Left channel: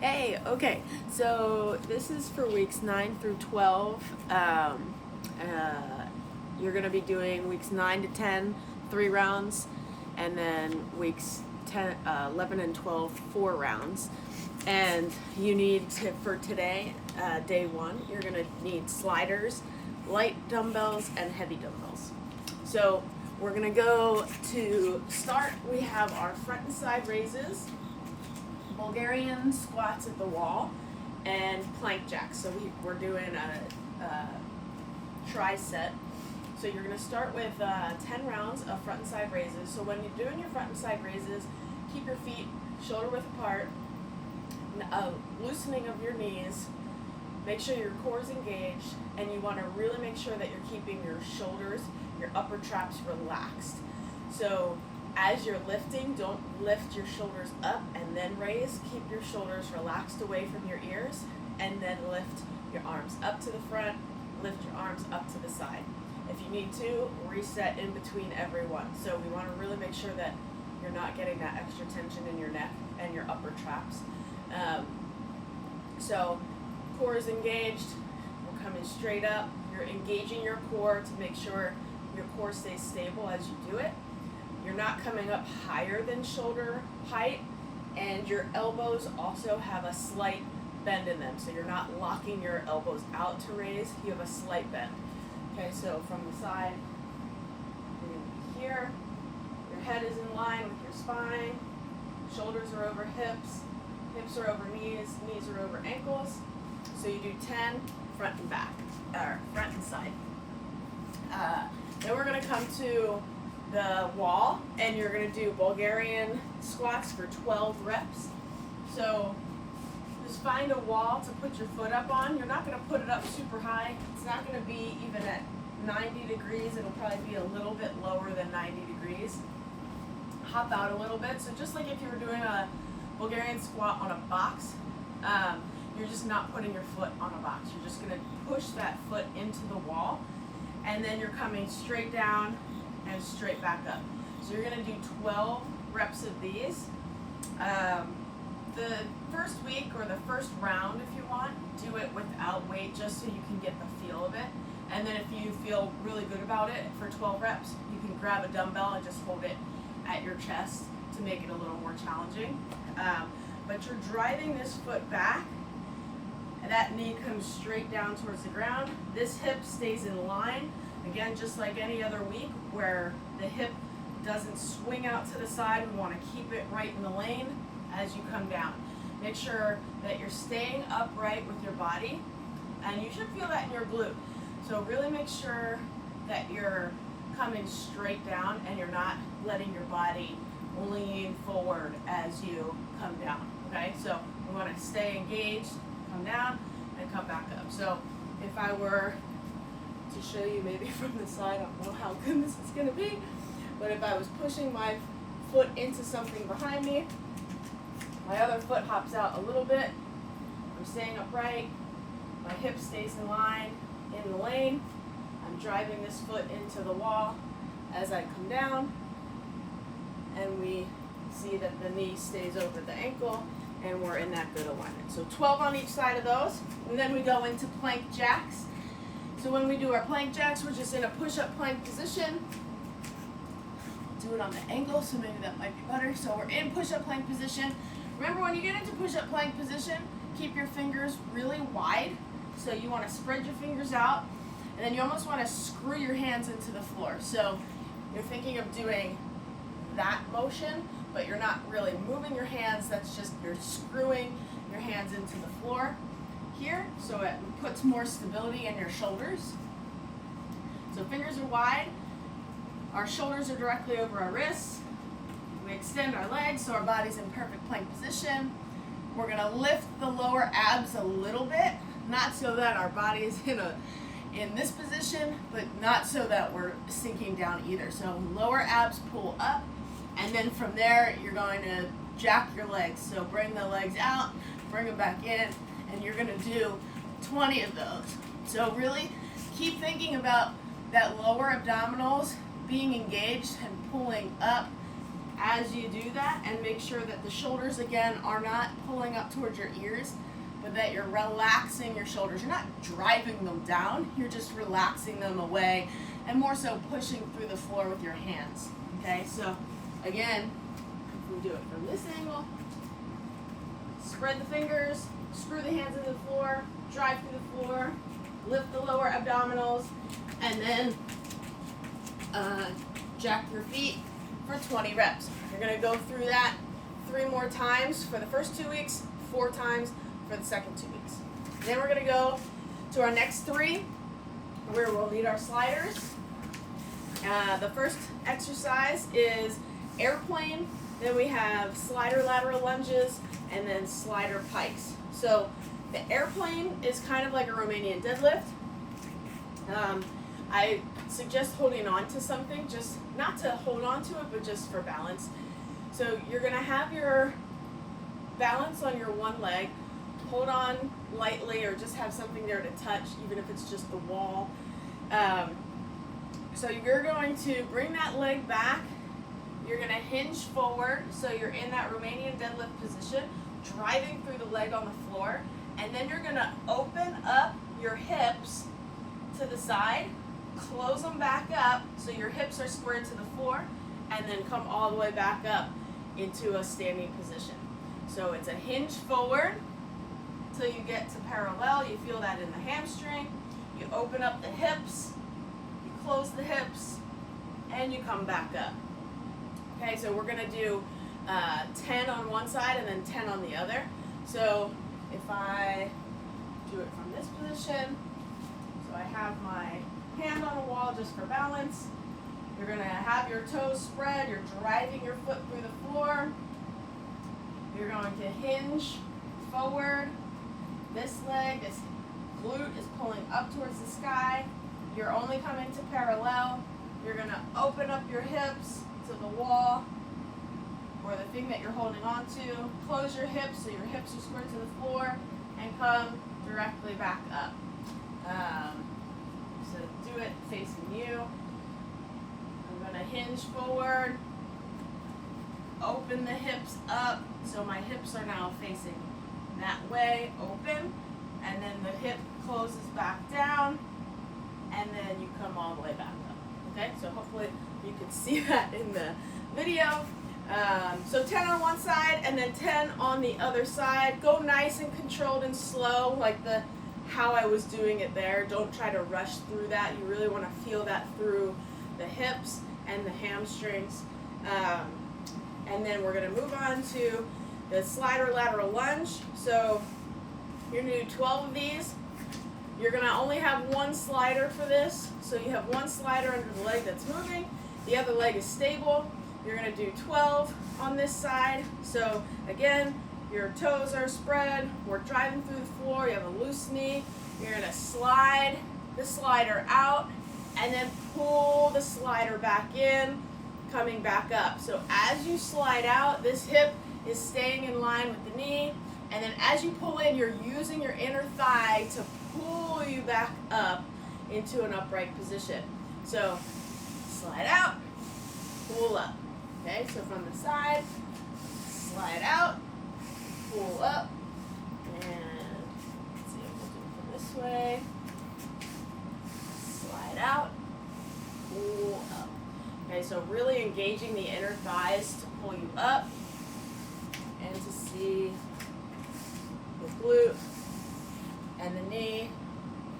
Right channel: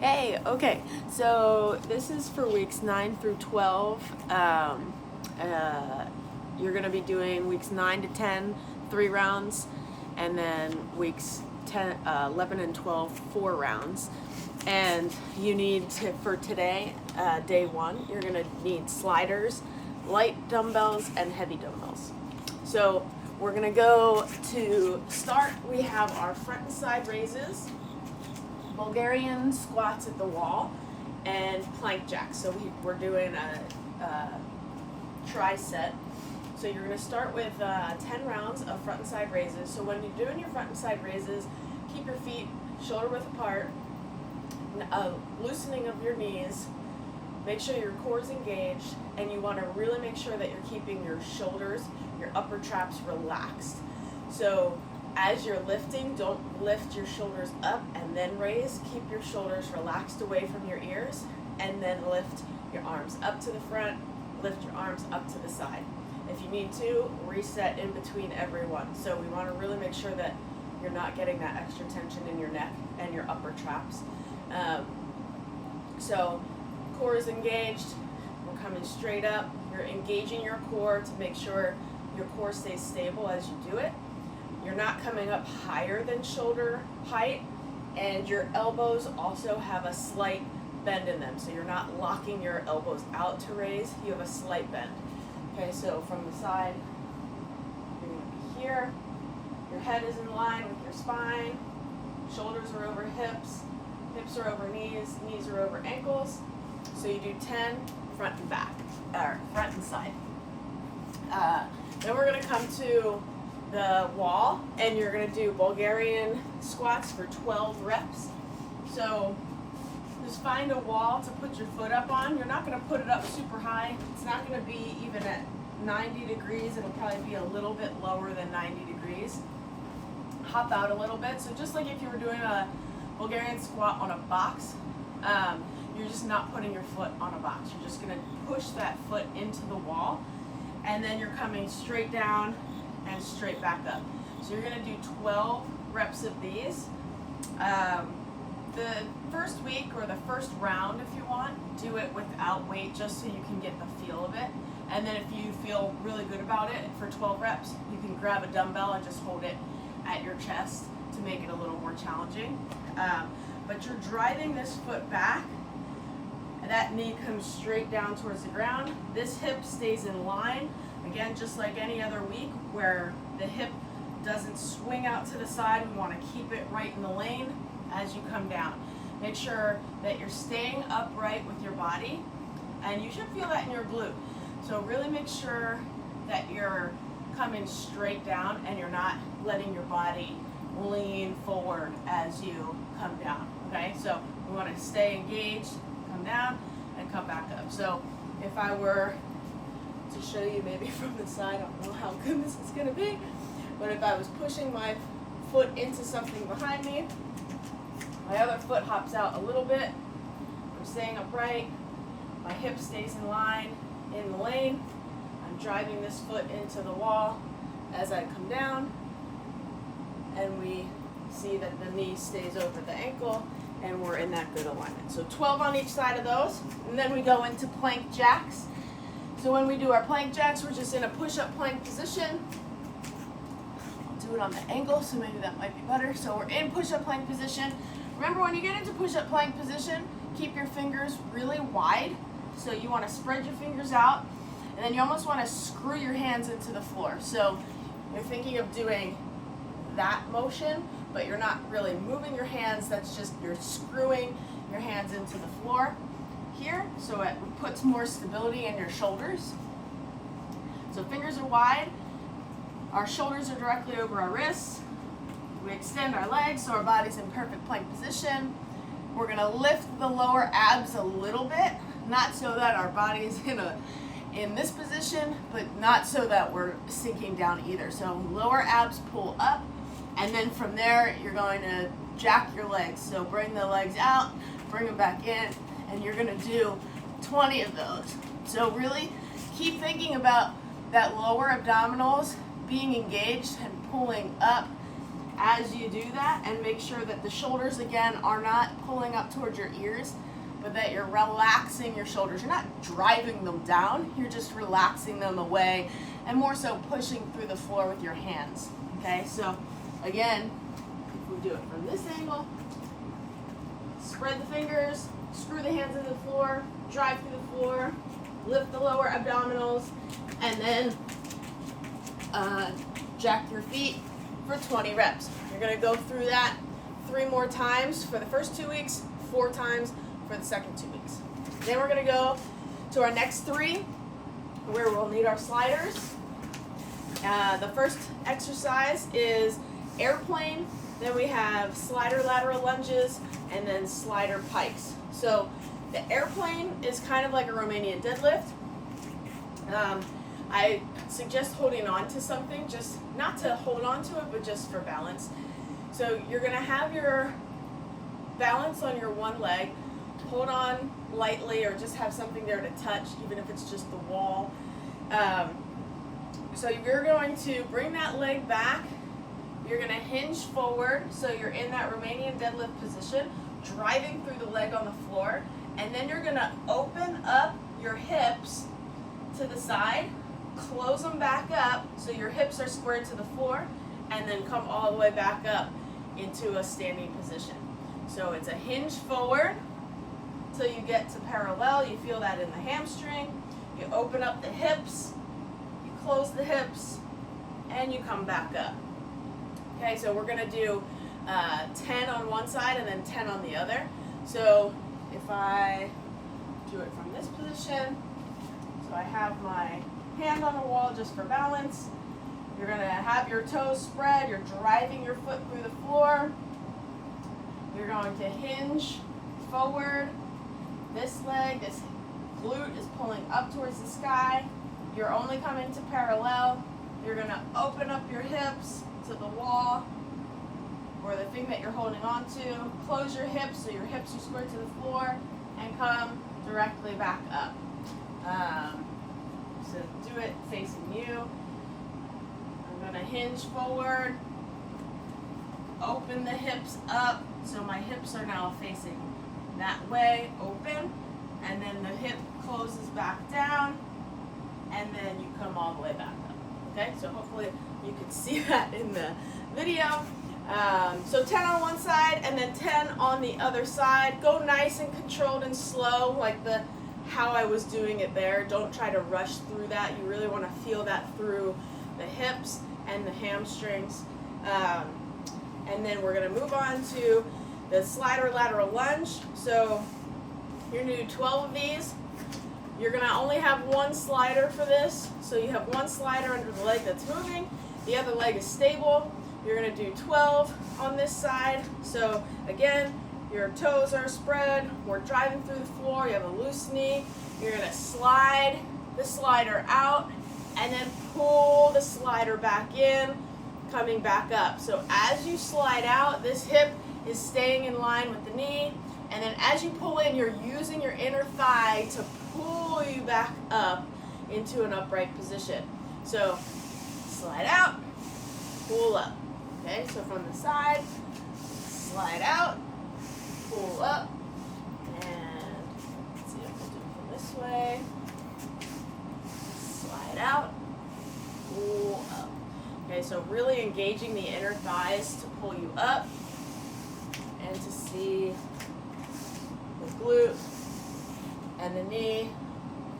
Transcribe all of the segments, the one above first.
Hey, okay, so this is for weeks 9 through 12. You're going to be doing weeks 9 to 10, 3 rounds, and then weeks 11 and 12, 4 rounds. And you need to, for today, day 1, you're going to need sliders, light dumbbells, and heavy dumbbells. So we're going to go to start. We have our front and side raises, Bulgarian squats at the wall, and plank jacks. So we're doing a tri-set. So you're going to start with 10 rounds of front and side raises. So when you're doing your front and side raises, keep your feet shoulder width apart, loosening of your knees, make sure your core is engaged, and you want to really make sure that you're keeping your shoulders, your upper traps relaxed. So as you're lifting, don't lift your shoulders up and then raise. Keep your shoulders relaxed away from your ears, and then lift your arms up to the front, lift your arms up to the side. If you need to, reset in between every one. So we want to really make sure that you're not getting that extra tension in your neck and your upper traps. So core is engaged, we're coming straight up. You're engaging your core to make sure your core stays stable as you do it. You're not coming up higher than shoulder height, and your elbows also have a slight bend in them. So you're not locking your elbows out to raise, you have a slight bend. Okay, so from the side, you're going to be here. Your head is in line with your spine. Shoulders are over hips. Hips are over knees. Knees are over ankles. So you do 10 front and back, or front and side. Then we're going to come to the wall, and you're going to do Bulgarian squats for 12 reps. So just find a wall to put your foot up on. You're not going to put it up super high. It's not going to be even at 90 degrees. It'll probably be a little bit lower than 90 degrees. Hop out a little bit. So just like if you were doing a Bulgarian squat on a box, you're just not putting your foot on a box. You're just going to push that foot into the wall, and then you're coming straight down and straight back up. So you're going to do 12 reps of these. The first week or the first round, if you want, do it without weight just so you can get the feel of it. And then if you feel really good about it for 12 reps, you can grab a dumbbell and just hold it at your chest to make it a little more challenging. But you're driving this foot back, and that knee comes straight down towards the ground. This hip stays in line, again, just like any other week, where the hip doesn't swing out to the side. We want to keep it right in the lane as you come down. Make sure that you're staying upright with your body, and you should feel that in your glute. So really make sure that you're coming straight down and you're not letting your body lean forward as you come down, okay? So we want to stay engaged, come down, and come back up. So if I were to show you maybe from the side, I don't know how good this is going to be, but if I was pushing my foot into something behind me, my other foot hops out a little bit, I'm staying upright, my hip stays in line, in the lane, I'm driving this foot into the wall as I come down, and we see that the knee stays over the ankle, and we're in that good alignment. So 12 on each side of those, and then we go into plank jacks. So when we do our plank jacks, we're just in a push-up plank position. I'll do it on the angle, so maybe that might be better. So we're in push-up plank position. Remember, when you get into push-up plank position, keep your fingers really wide. So you want to spread your fingers out, and then you almost want to screw your hands into the floor. So you're thinking of doing that motion, but you're not really moving your hands. That's just, you're screwing your hands into the floor here, so it puts more stability in your shoulders. So fingers are wide, our shoulders are directly over our wrists. We extend our legs so our body's in perfect plank position. We're going to lift the lower abs a little bit, not so that our body is in this position, but not so that we're sinking down either. So lower abs pull up, and then from there you're going to jack your legs. So bring the legs out, bring them back in, and you're going to do 20 of those. So really keep thinking about that lower abdominals being engaged and pulling up as you do that, and make sure that the shoulders again are not pulling up towards your ears, but that you're relaxing your shoulders. You're not driving them down, you're just relaxing them away and more so pushing through the floor with your hands. Okay, so again, if we do it from this angle, spread the fingers, screw the hands into the floor, drive through the floor, lift the lower abdominals, and then jack your feet for 20 reps. You're going to go through that 3 more times for the first 2 weeks, 4 times for the second 2 weeks. Then we're going to go to our next 3, where we'll need our sliders. The first exercise is airplane, then we have slider lateral lunges, and then slider pikes. So the airplane is kind of like a Romanian deadlift. I suggest holding on to something, just not to hold on to it, but just for balance. So you're gonna have your balance on your one leg, hold on lightly, or just have something there to touch, even if it's just the wall. So you're going to bring that leg back, you're gonna hinge forward, so you're in that Romanian deadlift position, driving through the leg on the floor, and then you're gonna open up your hips to the side, close them back up so your hips are squared to the floor, and then come all the way back up into a standing position. So it's a hinge forward till you get to parallel. You feel that in the hamstring. You open up the hips, you close the hips, and you come back up. Okay, so we're gonna do 10 on one side and then 10 on the other. So if I do it from this position, so I have my hand on the wall just for balance. You're gonna have your toes spread, you're driving your foot through the floor. You're going to hinge forward. This leg, this glute is pulling up towards the sky. You're only coming to parallel. You're gonna open up your hips to the wall or the thing that you're holding on to. Close your hips so your hips are squared to the floor and come directly back up. So do it facing you. I'm gonna hinge forward, open the hips up, so my hips are now facing that way, open, and then the hip closes back down, and then you come all the way back up. Okay, so hopefully you can see that in the video. So 10 on one side and then 10 on the other side. Go nice and controlled and slow, like how I was doing it there. Don't try to rush through that. You really want to feel that through the hips and the hamstrings. And then we're going to move on to the slider lateral lunge. So you're going to do 12 of these. You're going to only have one slider for this. So you have one slider under the leg that's moving. The other leg is stable. You're going to do 12 on this side. So again, your toes are spread. We're driving through the floor. You have a loose knee. You're going to slide the slider out and then pull the slider back in, coming back up. So as you slide out, this hip is staying in line with the knee. And then as you pull in, you're using your inner thigh to pull you back up into an upright position. So slide out, pull up. Okay, so from the side, slide out, pull up, and let's see if we'll do it from this way. Slide out, pull up. Okay, so really engaging the inner thighs to pull you up and to see the glute and the knee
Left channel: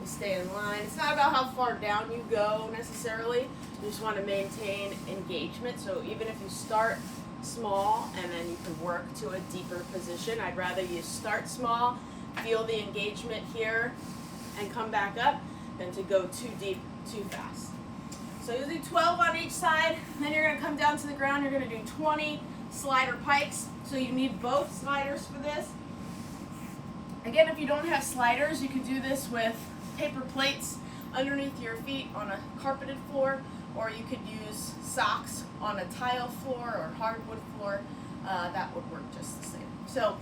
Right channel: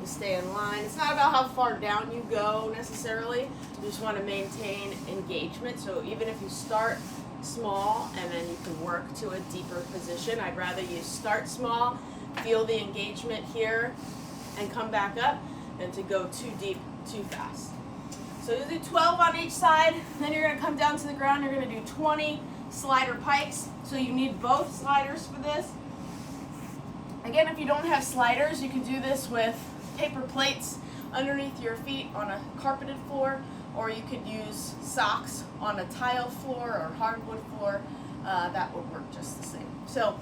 to stay in line. It's not about how far down you go necessarily. You just want to maintain engagement. So even if you start small and then you can work to a deeper position, I'd rather you start small, feel the engagement here, and come back up than to go too deep, too fast. So you do 12 on each side, then you're going to come down to the ground. You're going to do 20 slider pikes. So you need both sliders for this. Again, if you don't have sliders, you can do this with paper plates underneath your feet on a carpeted floor, or you could use socks on a tile floor or hardwood floor. That would work just the same. So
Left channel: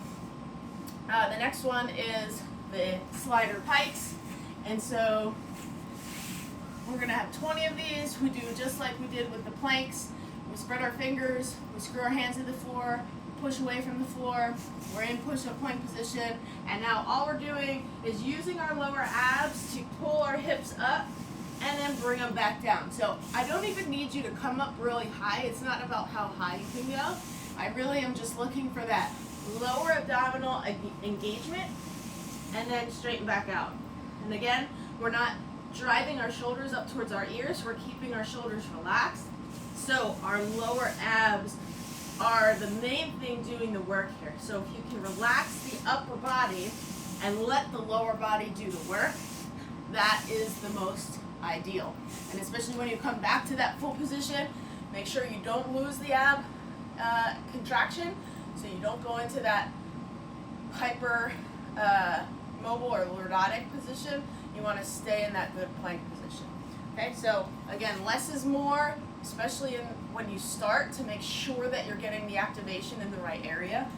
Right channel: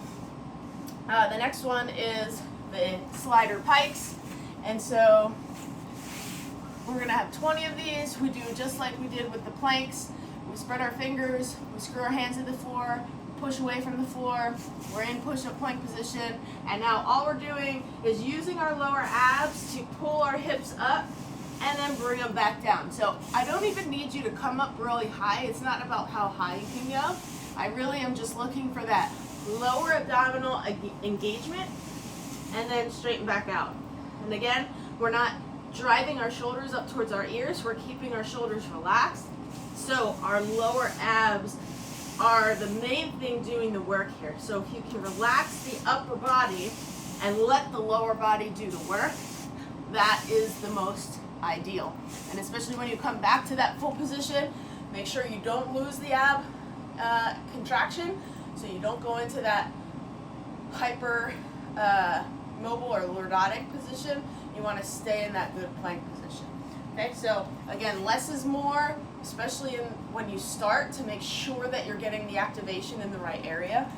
the next one is the slider pikes. And so we're gonna have 20 of these. We do just like we did with the planks. we spread our fingers, we screw our hands to the floor, push away from the floor, we're in push-up plank position, and now all we're doing is using our lower abs to pull our hips up and then bring them back down. So I don't even need you to come up really high. It's not about how high you can go. I really am just looking for that lower abdominal engagement and then straighten back out. And again, we're not driving our shoulders up towards our ears, we're keeping our shoulders relaxed. So our lower abs are the main thing doing the work here. So if you can relax the upper body and let the lower body do the work, that is the most ideal. And especially when you come back to that full position, make sure you don't lose the ab contraction, so you don't go into that hyper mobile or lordotic position. You want to stay in that good plank position. Okay, so again, less is more, especially when you start, to make sure that you're getting the activation in the right area.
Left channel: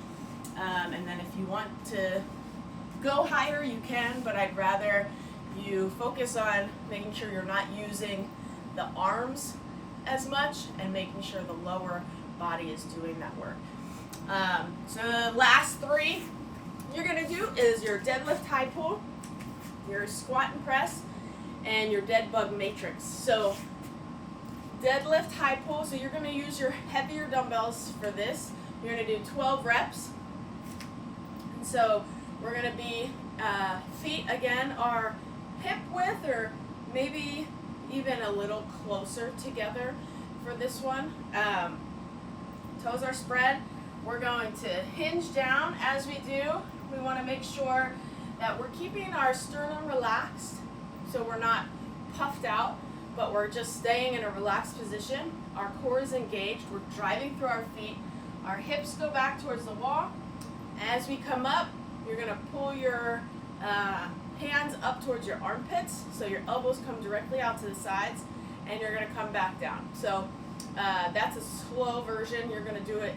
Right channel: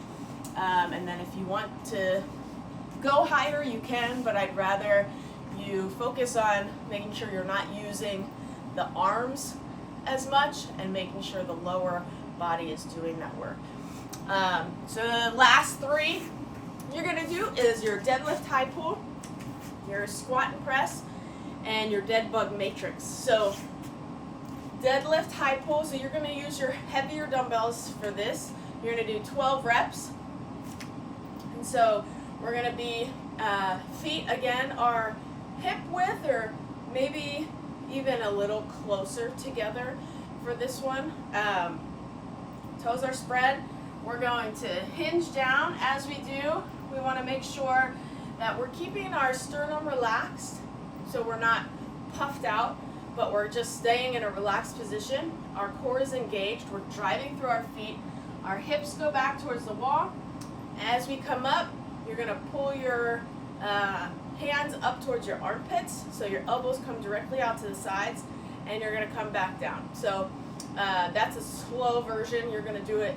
And then if you want to go higher, you can, but I'd rather you focus on making sure you're not using the arms as much and making sure the lower body is doing that work. So the last three you're gonna do is your deadlift high pull, your squat and press, and your Deadbug Matrix. So deadlift high pull, so you're gonna use your heavier dumbbells for this. You're gonna do 12 reps. And so we're gonna be, feet again are hip width or maybe even a little closer together for this one. Toes are spread. We're going to hinge down. As we do, we want to make sure that we're keeping our sternum relaxed, so we're not puffed out, but we're just staying in a relaxed position. Our core is engaged. We're driving through our feet. Our hips go back towards the wall. As we come up, you're going to pull your hands up towards your armpits, so your elbows come directly out to the sides, and you're going to come back down. So that's a slow version. You're going to do it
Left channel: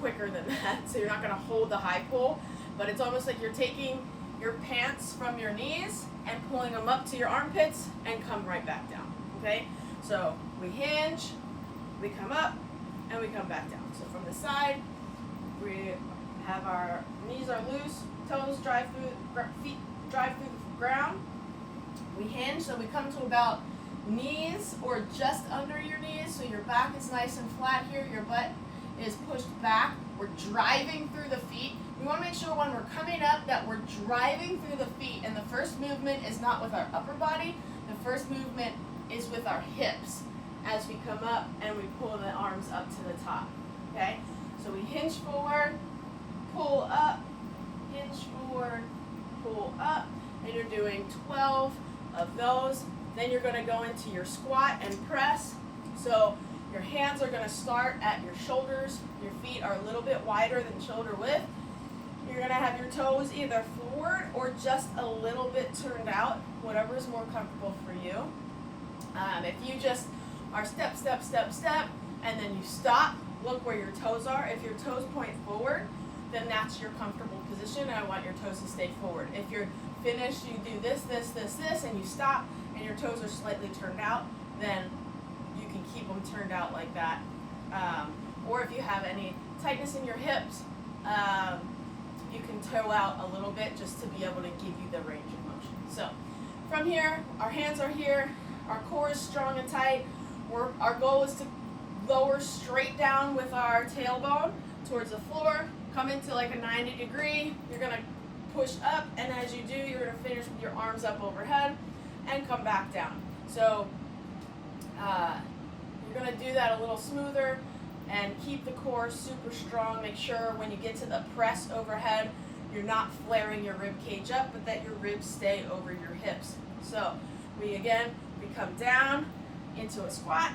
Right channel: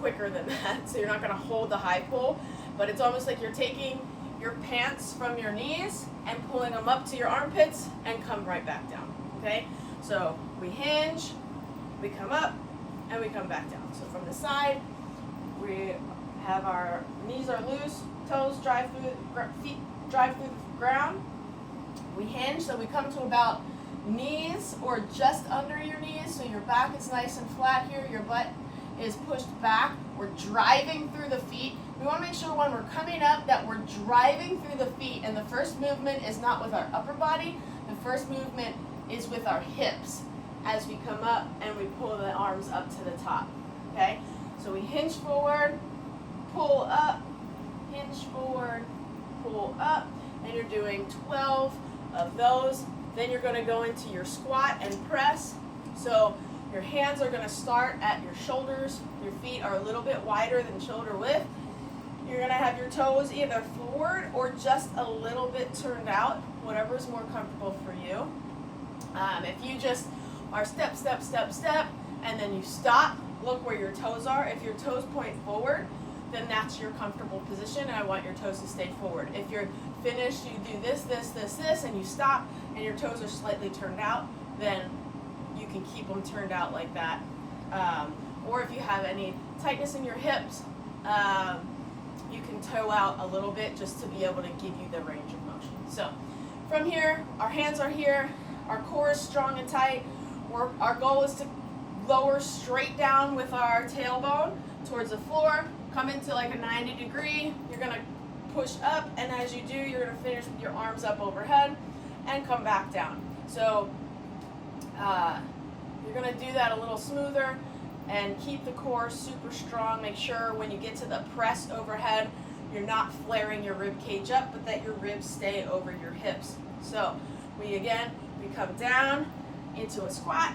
quicker than that, so you're not going to hold the high pull, but it's almost like you're taking your pants from your knees and pulling them up to your armpits and come right back down. Okay, so we hinge, we come up, and we come back down. So from the side, we have our knees are loose, toes drive through, feet drive through the ground. We hinge, so we come to about knees or just under your knees, so your back is nice and flat here, your butt is pushed back. We're driving through the feet. We want to make sure when we're coming up that we're driving through the feet, and the first movement is not with our upper body, the first movement is with our hips as we come up and we pull the arms up to the top. Okay, so we hinge forward, pull up, hinge forward, pull up, and you're doing 12 of those. Then you're going to go into your squat and press. So your hands are going to start at your shoulders. Your feet are a little bit wider than shoulder width. You're going to have your toes either forward or just a little bit turned out, whatever is more comfortable for you. If you just are step, step, step, step, and then you stop, look where your toes are. If your toes point forward, then that's your comfortable position, and I want your toes to stay forward. If you're finished, you do this, this, this, this, and you stop, and your toes are slightly turned out, then you can keep them turned out like that. Or if you have any tightness in your hips, you can toe out a little bit just to be able to give you the range of motion. So from here, our hands are here, our core is strong and tight. Our goal is to lower straight down with our tailbone towards the floor, come into like a 90 degree, you're gonna push up, and as you do, you're gonna finish with your arms up overhead and come back down. So you're gonna do that a little smoother and keep the core super strong. Make sure when you get to the press overhead, you're not flaring your rib cage up, but that your ribs stay over your hips. So we come down into a squat,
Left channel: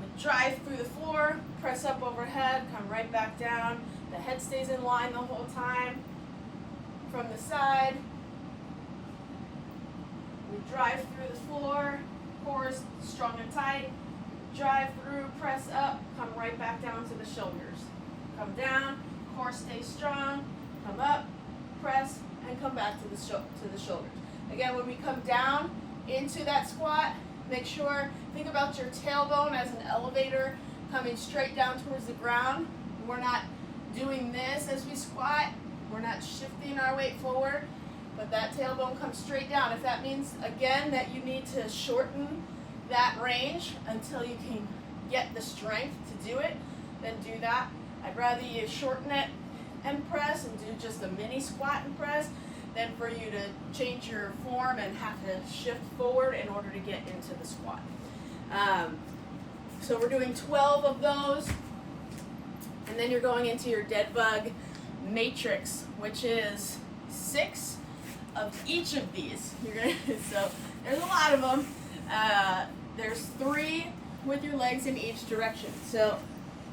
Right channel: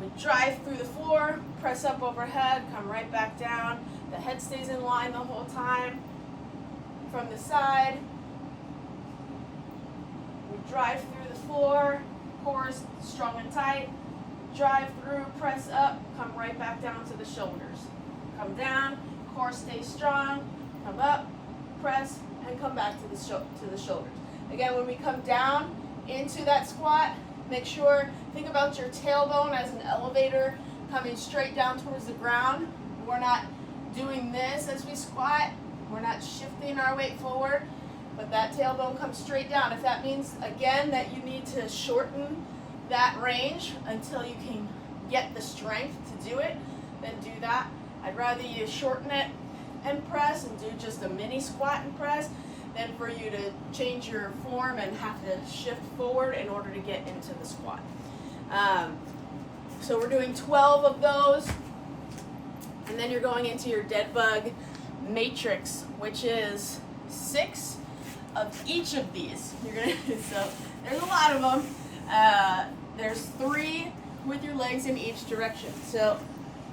we drive through the floor, press up overhead, come right back down. The head stays in line the whole time. From the side, we drive through the floor, core is strong and tight. Drive through, press up, come right back down to the shoulders. Come down, core stays strong, come up, press, and come back to the shoulders. Again, when we come down into that squat, make sure, think about your tailbone as an elevator coming straight down towards the ground. We're not doing this as we squat. We're not shifting our weight forward, but that tailbone comes straight down. If that means, again, that you need to shorten that range until you can get the strength to do it, then do that. I'd rather you shorten it and press and do just a mini squat and press than for you to change your form and have to shift forward in order to get into the squat. So we're doing 12 of those, and then you're going into your Deadbug Matrix, which is 6 of each of these. So there's a lot of them. There's 3 with your legs in each direction. So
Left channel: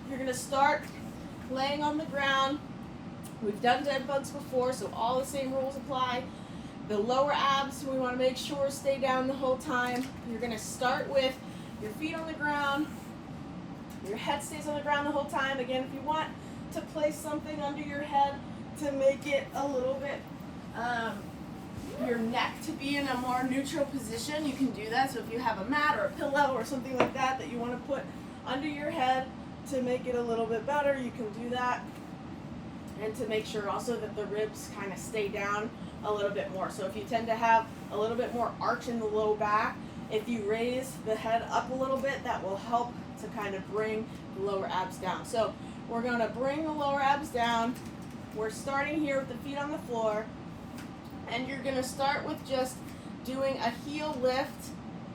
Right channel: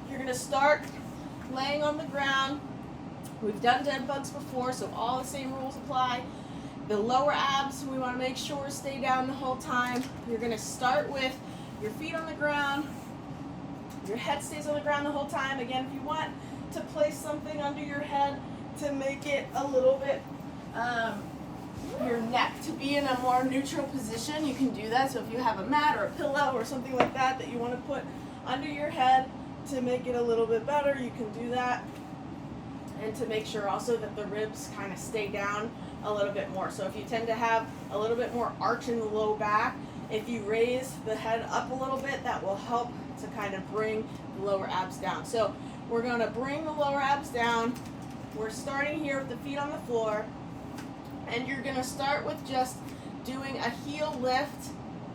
you're going to start laying on the ground. We've done dead bugs before, so all the same rules apply. The lower abs, we want to make sure stay down the whole time. You're going to start with your feet on the ground. Your head stays on the ground the whole time. Again, if you want to place something under your head to make it a little bit, your neck to be in a more neutral position, you can do that. So if you have a mat or a pillow or something like that that you want to put under your head to make it a little bit better, you can do that. And to make sure also that the ribs kind of stay down a little bit more. So if you tend to have a little bit more arch in the low back, if you raise the head up a little bit, that will help to kind of bring the lower abs down. So we're going to bring the lower abs down. We're starting here with the feet on the floor, and you're going to start with just doing a heel lift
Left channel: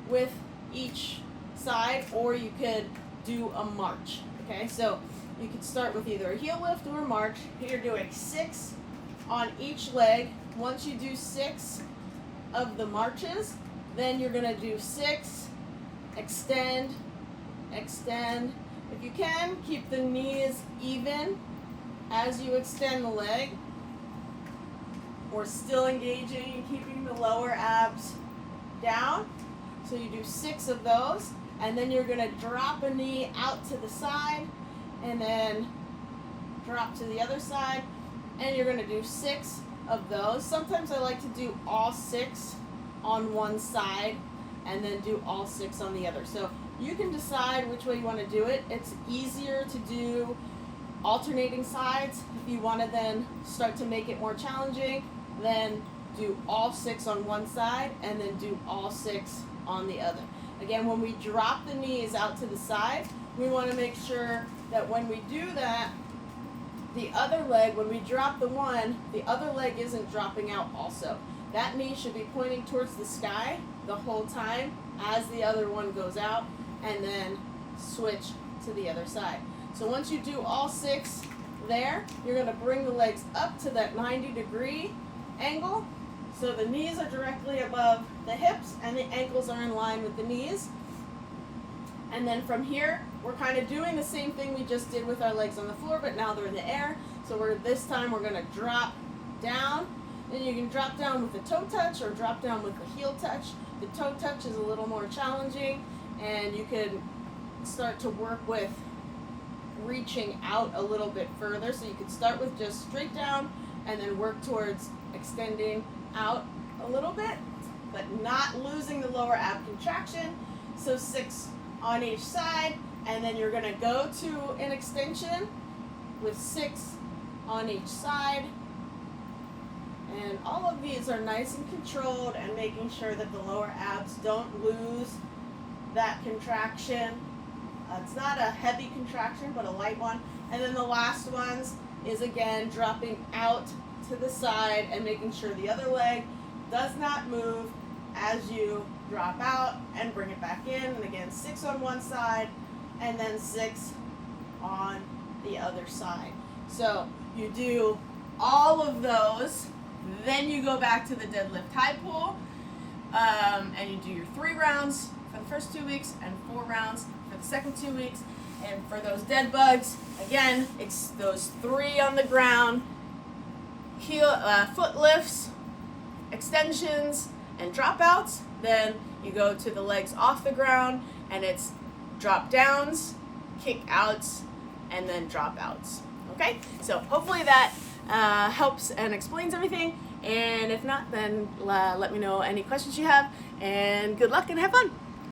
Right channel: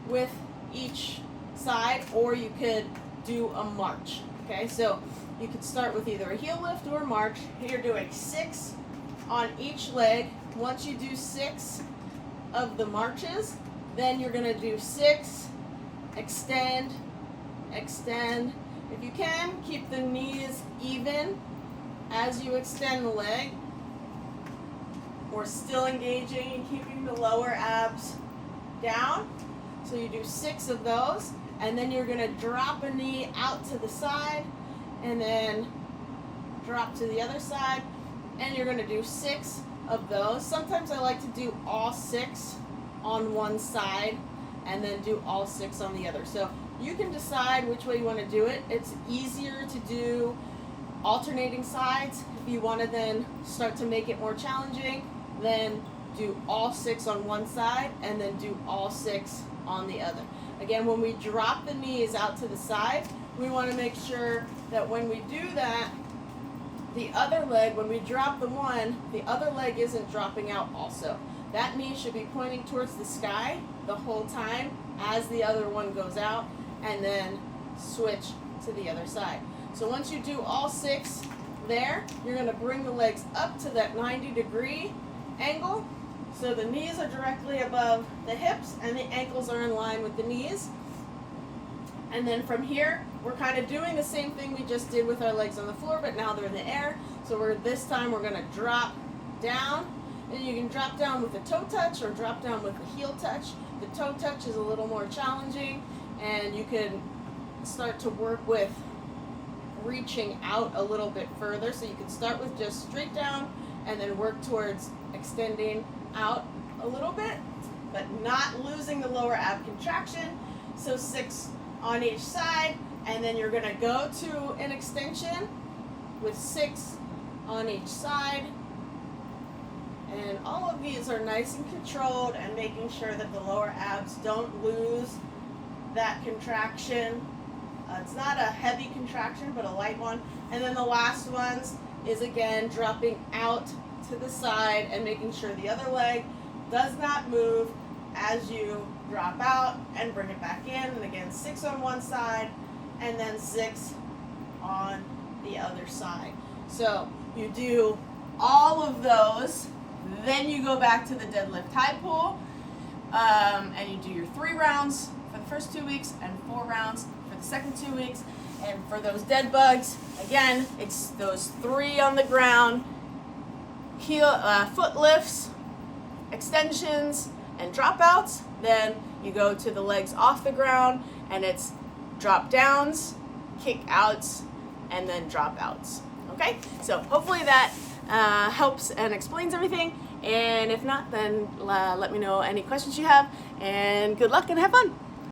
with each side, or you could do a march. Okay, so you could start with either a heel lift or a march. You're doing 6 on each leg. Once you do 6 of the marches, then you're going to do 6, extend, extend. If you can, keep the knees even as you extend the leg. We're still engaging and keeping the lower abs down. So you do 6 of those, and then you're going to drop a knee out to the side, and then drop to the other side, and you're going to do 6 of those. Sometimes I like to do all 6 on one side and then do all 6 on the other. So you can decide which way you want to do it. It's easier to do alternating sides. If you want to then start to make it more challenging, then do all 6 on one side and then do all 6 on the other. Again, when we drop the knees out to the side, we want to make sure that when we do that, the other leg, when we drop the one, the other leg isn't dropping out also. That knee should be pointing towards the sky the whole time as the other one goes out, and then switch to the other side. So once you do all 6 there, you're going to bring the legs up to that 90-degree angle. So the knees are directly above the hips and the ankles are in line with the knees. And then from here, we're kind of doing the same thing we just did with our legs on the floor, but now they're in the air. So this time we're going to drop down, and you can drop down with a toe touch or drop down with a heel touch. The toe touch is a little more challenging, and you can start to work with reaching out a little bit further. So you could start with just straight down and then work towards extending out a little bit, but not losing the lower ab contraction. So 6 on each side, and then you're going to go to an extension with 6 on each side. And all of these are nice and controlled and making sure that the lower abs don't lose that contraction. It's not a heavy contraction, but a light one. And then the last ones is again dropping out to the side and making sure the other leg does not move as you drop out and bring it back in. And again, 6 on one side and then 6 on the other side. So you do all of those, then you go back to the deadlift high pull, and you do your 3 rounds for the first 2 weeks and 4 rounds for the second 2 weeks. And for those dead bugs, again, it's those 3 on the ground, heel, foot lifts, extensions, and dropouts. Then you go to the legs off the ground, and it's drop downs, kick outs, and then drop outs. Okay, so hopefully that helps and explains everything. And if not, then let me know any questions you have, and good luck and have fun.